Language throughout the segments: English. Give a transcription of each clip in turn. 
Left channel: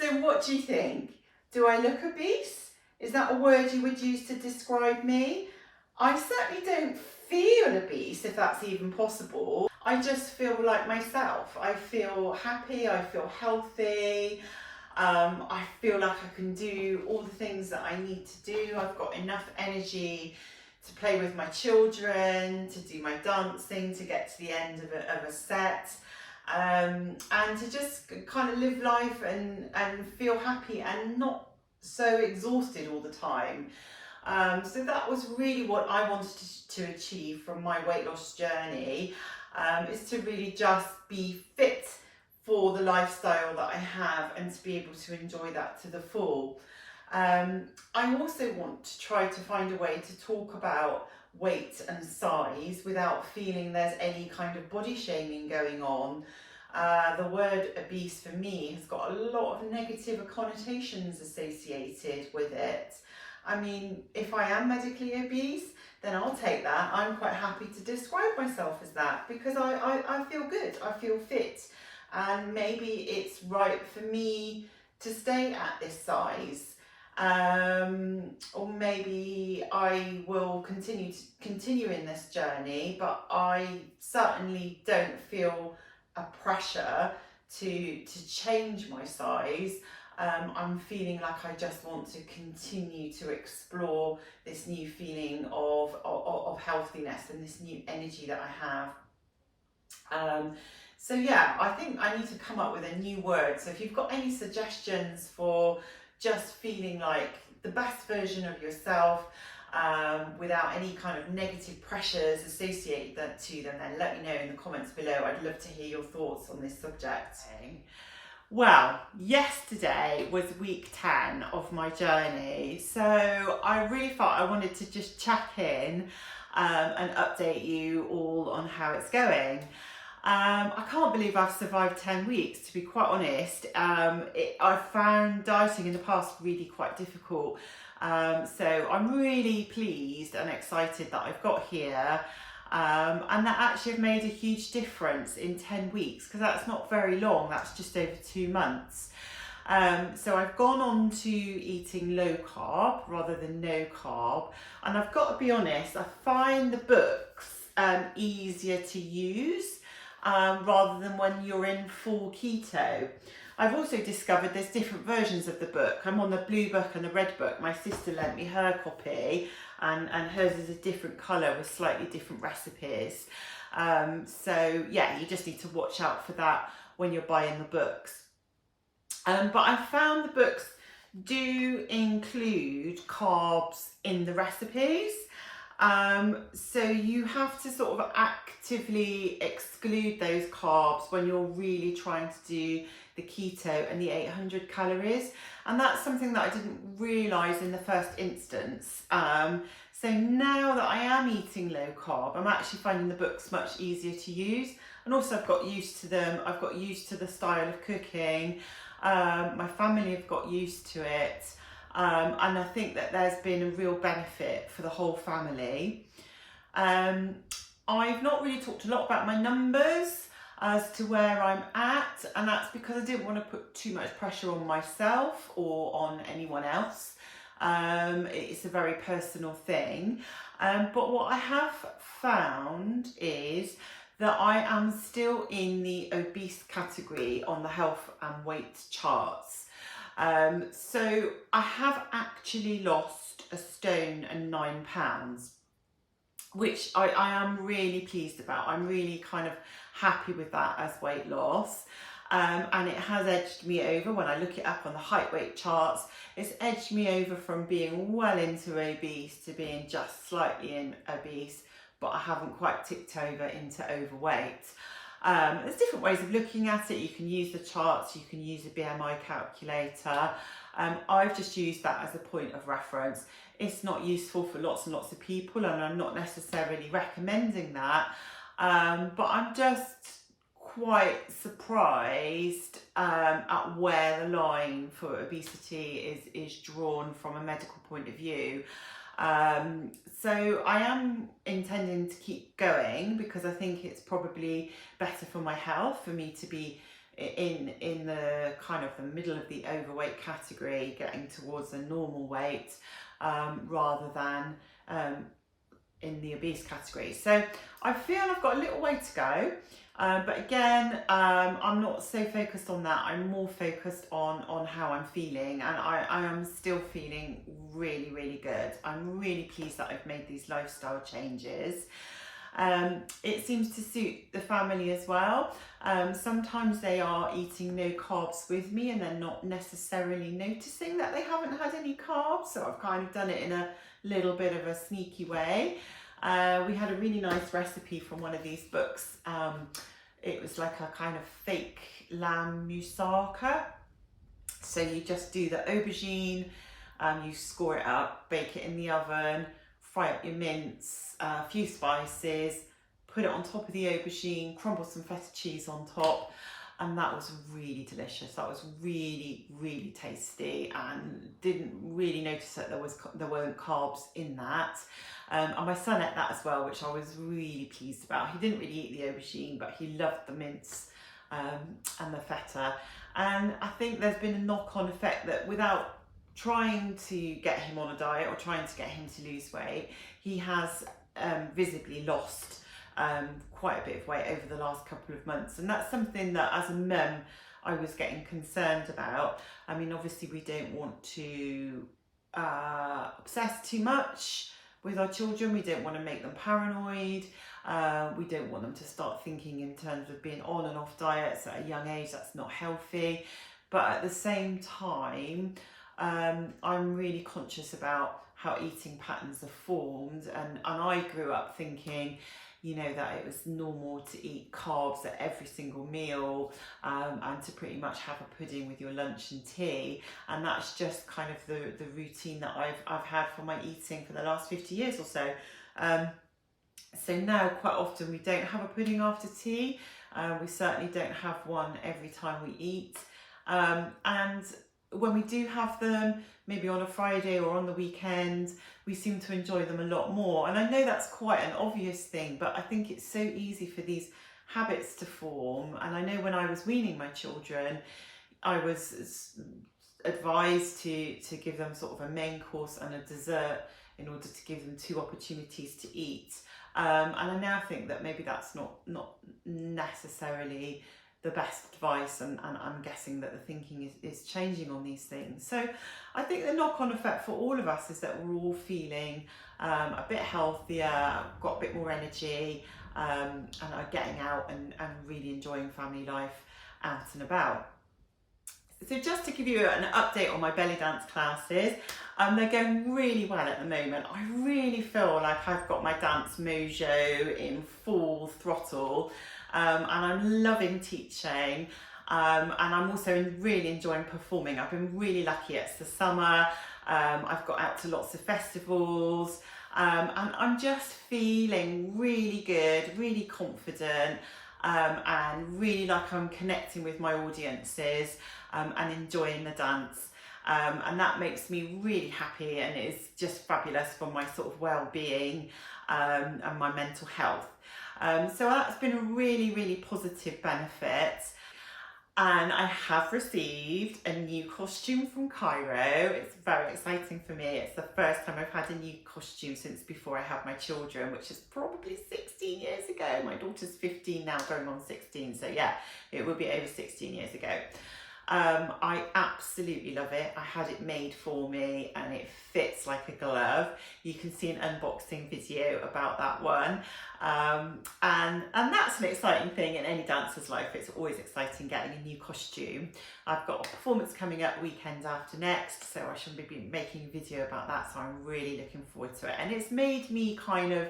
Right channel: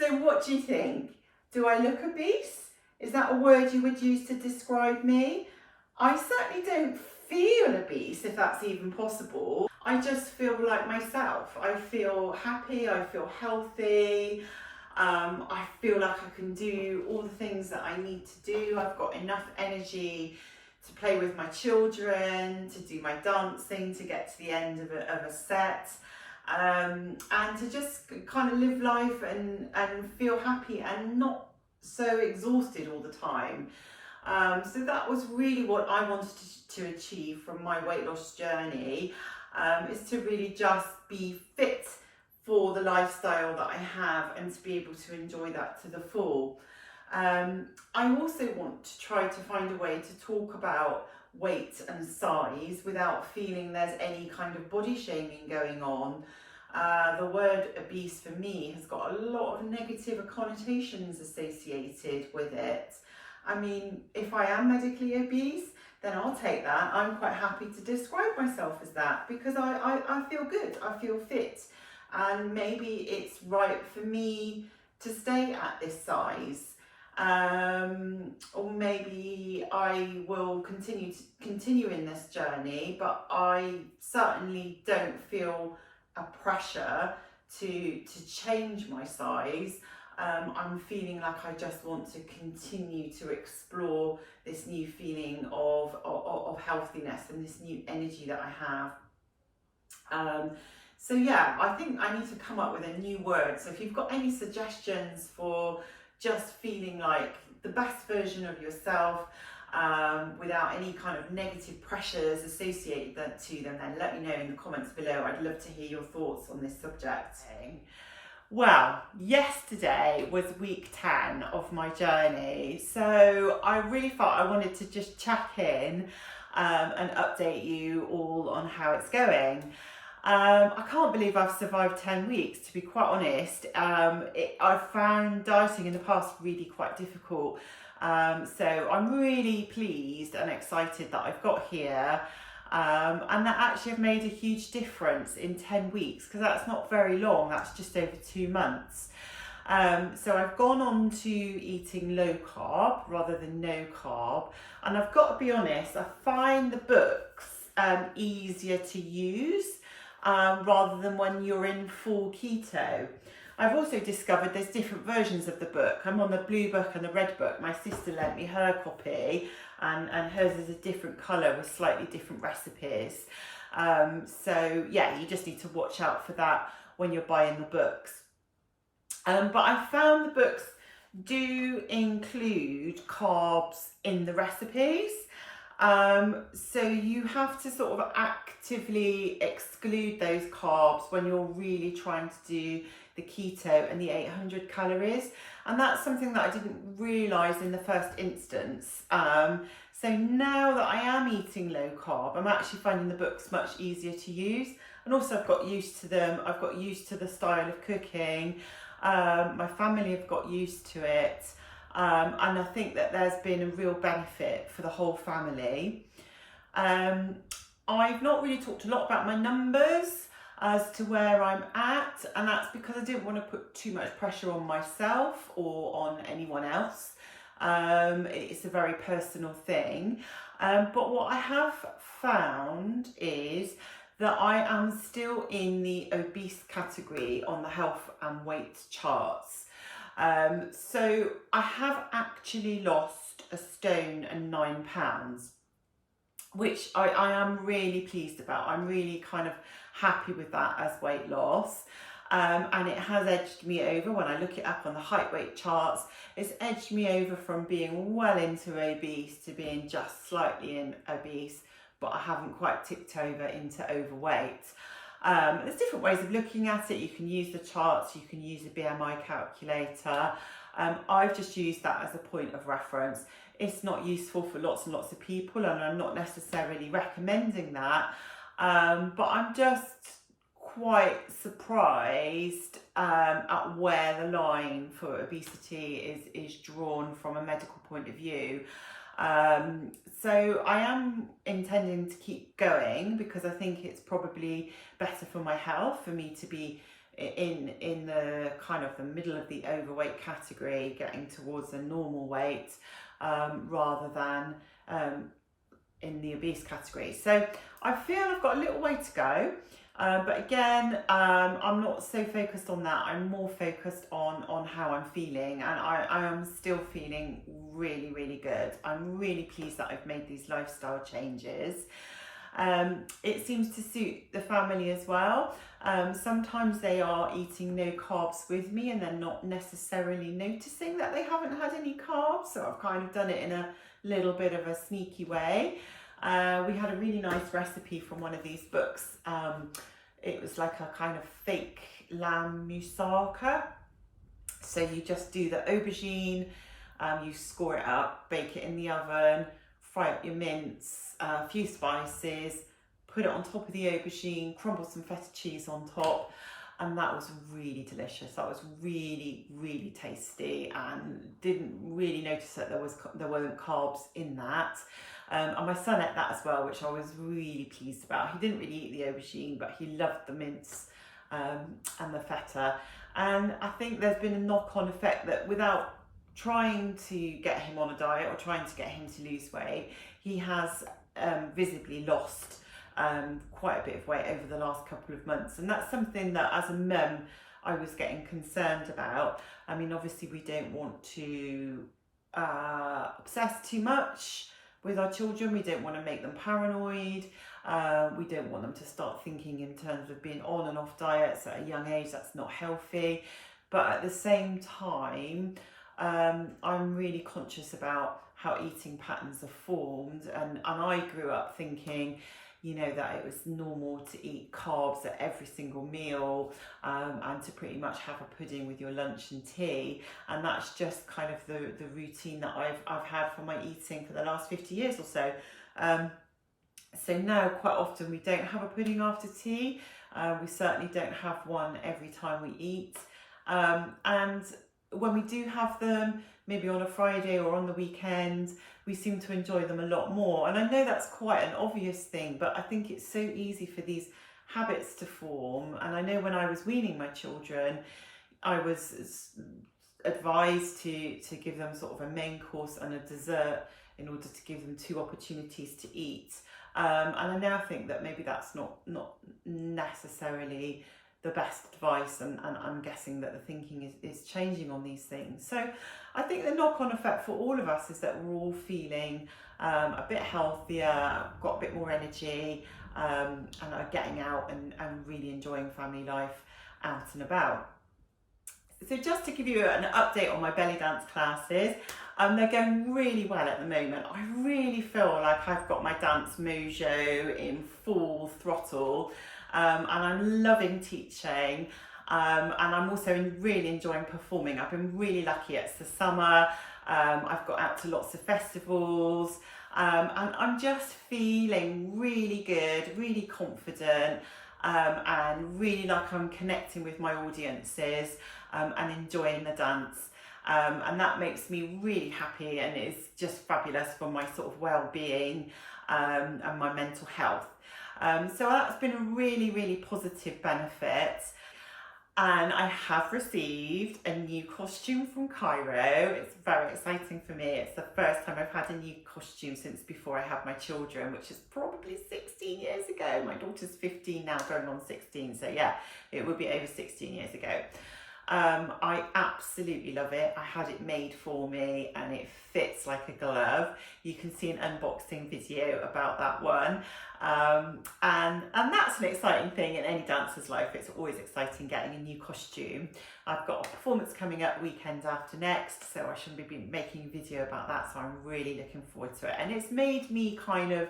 So what do you think? Do I look obese? Is that a word you would use to describe me? I certainly don't feel obese, if that's even possible. I just feel like myself. I feel happy, I feel healthy, I feel like I can do all the things that I need to do. I've got enough energy to play with my children, to do my dancing, to get to the end of a set. And to just kind of live life and feel happy and not so exhausted all the time. So that was really what I wanted to achieve from my weight loss journey, is to really just be fit for the lifestyle that I have and to be able to enjoy that to the full. I also want to try to find a way to talk about weight and size without feeling there's any kind of body shaming going on. The word obese for me has got a lot of negative connotations associated with it. I mean, if I am medically obese, then I'll take that. I'm quite happy to describe myself as that because I feel good, I feel fit, and maybe it's right for me to stay at this size. Or maybe I will continue in this journey, but I certainly don't feel a pressure to change my size. I'm feeling like I just want to continue to explore this new feeling of healthiness and this new energy that I have. So yeah, I think I need to come up with a new word. So if you've got any suggestions for just feeling like the best version of yourself, without any kind of negative pressures associated to them, then let me know in the comments below. I'd love to hear your thoughts on this subject. Well, yesterday was week 10 of my journey, so I really felt I wanted to just check in and update you all on how it's going. I can't believe I've survived 10 weeks, to be quite honest. I've found dieting in the past really quite difficult. So I'm really pleased and excited that I've got here. And that actually have made a huge difference in 10 weeks, because that's not very long, that's just over 2 months. So I've gone on to eating low carb rather than no carb, and I've got to be honest, I find the books easier to use rather than when you're in full keto. I've also discovered there's different versions of the book. I'm on the blue book and the red book. My sister lent me her copy, and hers is a different colour with slightly different recipes. So yeah, you just need to watch out for that when you're buying the books. But I found the books do include carbs in the recipes. So you have to sort of actively exclude those carbs when you're really trying to do the keto and the 800 calories. And that's something that I didn't realise in the first instance. So now that I am eating low carb, I'm actually finding the books much easier to use. And also I've got used to them. I've got used to the style of cooking. My family have got used to it. And I think that there's been a real benefit for the whole family. I've not really talked a lot about my numbers as to where I'm at, and that's because I didn't want to put too much pressure on myself or on anyone else. It's a very personal thing. But what I have found is that I am still in the obese category on the health and weight charts. So I have actually lost 1 stone and 9 pounds, which I am really pleased about. I'm really kind of happy with that as weight loss. And it has edged me over. When I look it up on the height weight charts, it's edged me over from being well into obese to being just slightly in obese, but I haven't quite tipped over into overweight. There's different ways of looking at it. You can use the charts, you can use a BMI calculator. I've just used that as a point of reference. It's not useful for lots and lots of people, and I'm not necessarily recommending that. But I'm just quite surprised at where the line for obesity is drawn from a medical point of view. So I am intending to keep going because I think it's probably better for my health for me to be in the kind of the middle of the overweight category, getting towards a normal weight, rather than in the obese category. So I feel I've got a little way to go, but again, I'm not so focused on that. I'm more focused on how I'm feeling, and I am still feeling really, really good. I'm really pleased that I've made these lifestyle changes. It seems to suit the family as well. Sometimes they are eating no carbs with me and they're not necessarily noticing that they haven't had any carbs, so I've kind of done it in a little bit of a sneaky way. We had a really nice recipe from one of these books. It was like a kind of fake lamb moussaka. So you just do the aubergine, you score it up, bake it in the oven, fry up your mince, a few spices, put it on top of the aubergine, crumble some feta cheese on top, and that was really delicious. That was really, really tasty, and didn't really notice that there weren't carbs in that. And my son ate that as well, which I was really pleased about. He didn't really eat the aubergine, but he loved the mince and the feta. And I think there's been a knock-on effect that without trying to get him on a diet or trying to get him to lose weight, he has visibly lost quite a bit of weight over the last couple of months. And that's something that as a mum I was getting concerned about. I mean, obviously we don't want to obsess too much with our children. We don't want to make them paranoid. We don't want them to start thinking in terms of being on and off diets at a young age. That's not healthy. But at the same time, I'm really conscious about how eating patterns are formed, and I grew up thinking, you know, that it was normal to eat carbs at every single meal, and to pretty much have a pudding with your lunch and tea, and that's just kind of the routine that I've had for my eating for the last 50 years or so. So now quite often we don't have a pudding after tea. We certainly don't have one every time we eat, and when we do have them, maybe on a Friday or on the weekend, we seem to enjoy them a lot more. And I know that's quite an obvious thing, but I think it's so easy for these habits to form. And I know when I was weaning my children, I was advised to give them sort of a main course and a dessert in order to give them 2 opportunities to eat. And I now think that maybe that's not necessarily the best advice, and I'm guessing that the thinking is changing on these things. So I think the knock-on effect for all of us is that we're all feeling a bit healthier, got a bit more energy, and are getting out and really enjoying family life out and about. So just to give you an update on my belly dance classes, they're going really well at the moment. I really feel like I've got my dance mojo in full throttle. And I'm loving teaching, and I'm also really enjoying performing. I've been really lucky. It's the summer, I've got out to lots of festivals, and I'm just feeling really good, really confident, and really like I'm connecting with my audiences, and enjoying the dance. And that makes me really happy, and it's just fabulous for my sort of well-being and my mental health. So that's been a really, really positive benefit. And I have received a new costume from Cairo. It's very exciting for me. It's the first time I've had a new costume since before I had my children, which is probably 16 years ago. My daughter's 15 now, going on 16. So yeah, it will be over 16 years ago. I absolutely love it. I had it made for me and it fits like a glove. You can see an unboxing video about that one. And that's an exciting thing in any dancer's life. It's always exciting getting a new costume. I've got a performance coming up weekend after next, so I should be making a video about that, so I'm really looking forward to it. And it's made me kind of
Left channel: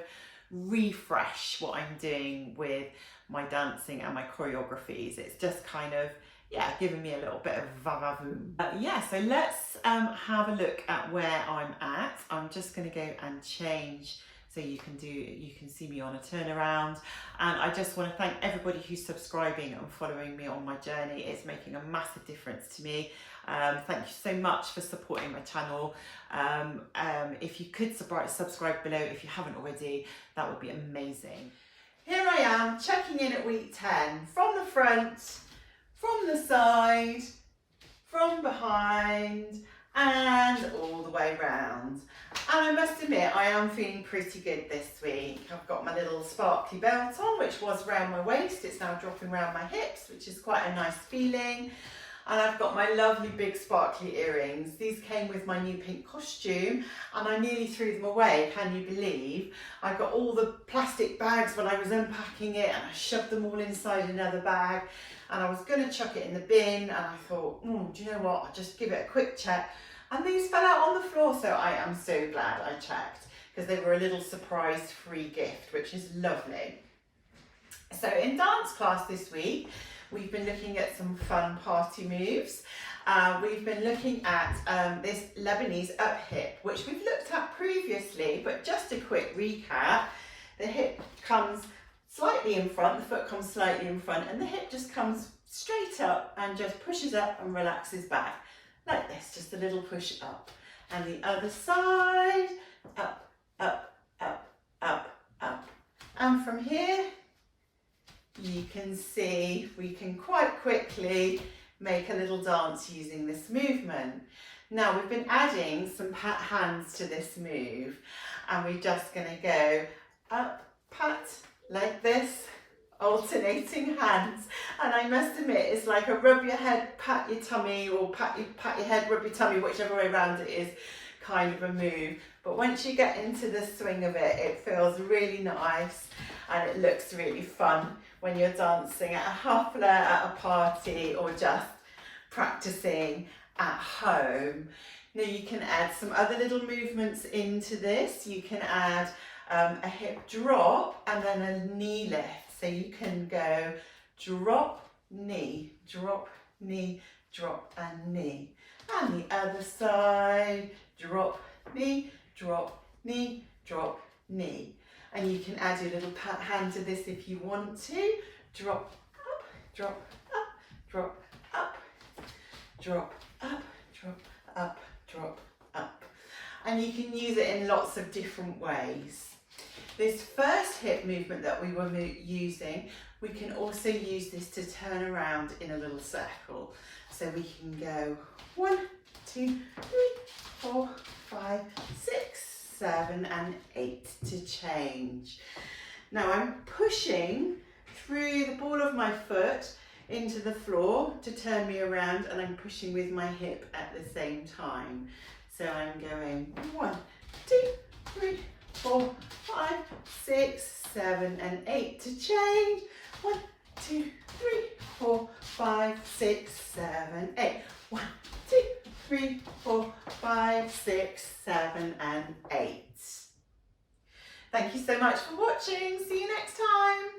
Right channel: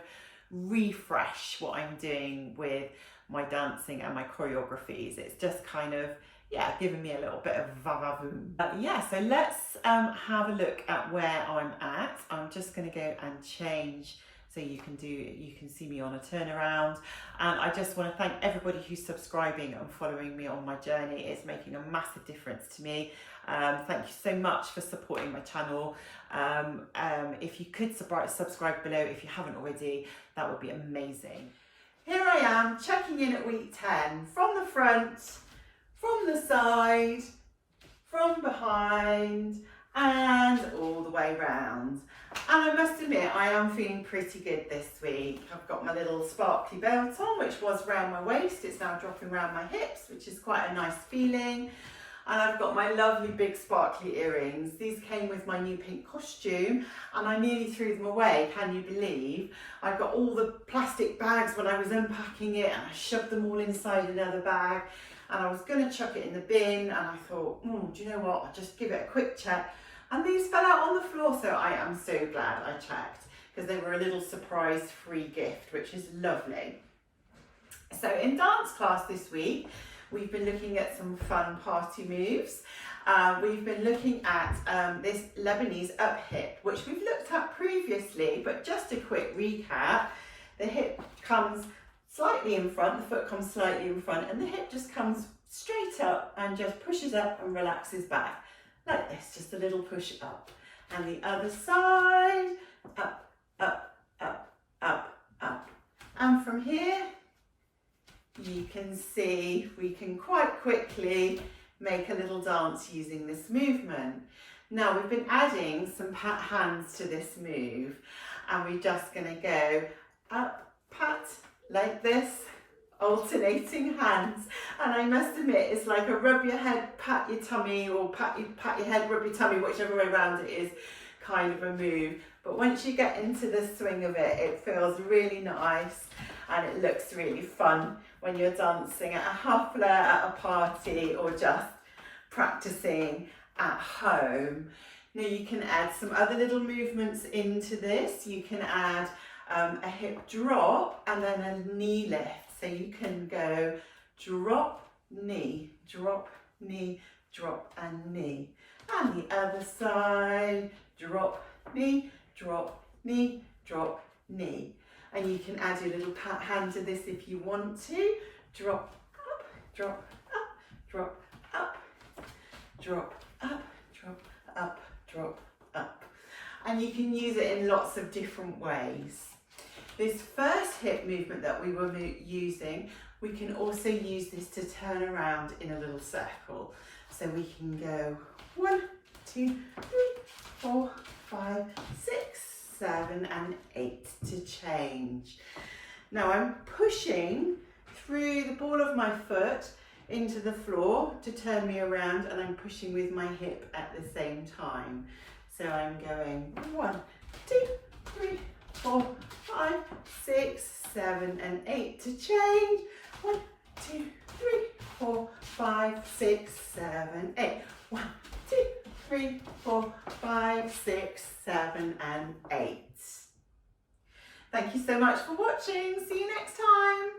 refresh what I'm doing with my dancing and my choreographies. It's just kind of, yeah, giving me a little bit of va-va-voom. Yeah, so let's have a look at where I'm at. I'm just going to go and change so you can see me on a turnaround. And I just want to thank everybody who's subscribing and following me on my journey. It's making a massive difference to me. Thank you so much for supporting my channel. If you could subscribe below if you haven't already, that would be amazing. Here I am checking in at week 10 from the front. from the side, from behind, and all the way round. And I must admit, I am feeling pretty good this week. I've got my little sparkly belt on, which was round my waist. It's now dropping around my hips, which is quite a nice feeling. And I've got my lovely big sparkly earrings. These came with my new pink costume and I nearly threw them away, can you believe? I got all the plastic bags when I was unpacking it and I shoved them all inside another bag and I was going to chuck it in the bin and I thought, do you know what, I'll just give it a quick check. And these fell out on the floor, so I am so glad I checked because they were a little surprise free gift, which is lovely. So in dance class this week, we've been looking at some fun party moves. We've been looking at this Lebanese up hip, which we've looked at previously, but just a quick recap. The hip comes slightly in front, the foot comes slightly in front, and the hip just comes straight up and just pushes up and relaxes back. Like this, just a little push up. And the other side, up, up, up, up, up. And from here, you can see we can quite quickly make a little dance using this movement. Now we've been adding some pat hands to this move and we're just going to go up, pat, like this, alternating hands. And I must admit, it's like a rub your head, pat your tummy, or pat your head, rub your tummy, whichever way around it is, kind of a move. But once you get into the swing of it, it feels really nice and it looks really fun when you're dancing at a hafla, at a party, or just practicing at home. Now you can add some other little movements into this. You can add a hip drop and then a knee lift. So you can go drop, knee, drop, knee, drop and knee. And the other side, drop, knee, drop, knee, drop, knee. And you can add your little pat hand to this if you want to. Drop, up, drop, up, drop, up, drop, up, drop, up, drop, up. And you can use it in lots of different ways. This first hip movement that we were using, we can also use this to turn around in a little circle. So we can go 1, 2, 3, 4, 5, 6, 7 and 8 to change. Now I'm pushing through the ball of my foot into the floor to turn me around and I'm pushing with my hip at the same time. So I'm going 1, 2, 3, 4, 5, 6, 7 and 8 to change. 1, 2, 3, 4, 5, 6, 7, 8. 1, 2, 3, 4, 5, 6, 7 and 8. Thank you so much for watching. See you next time.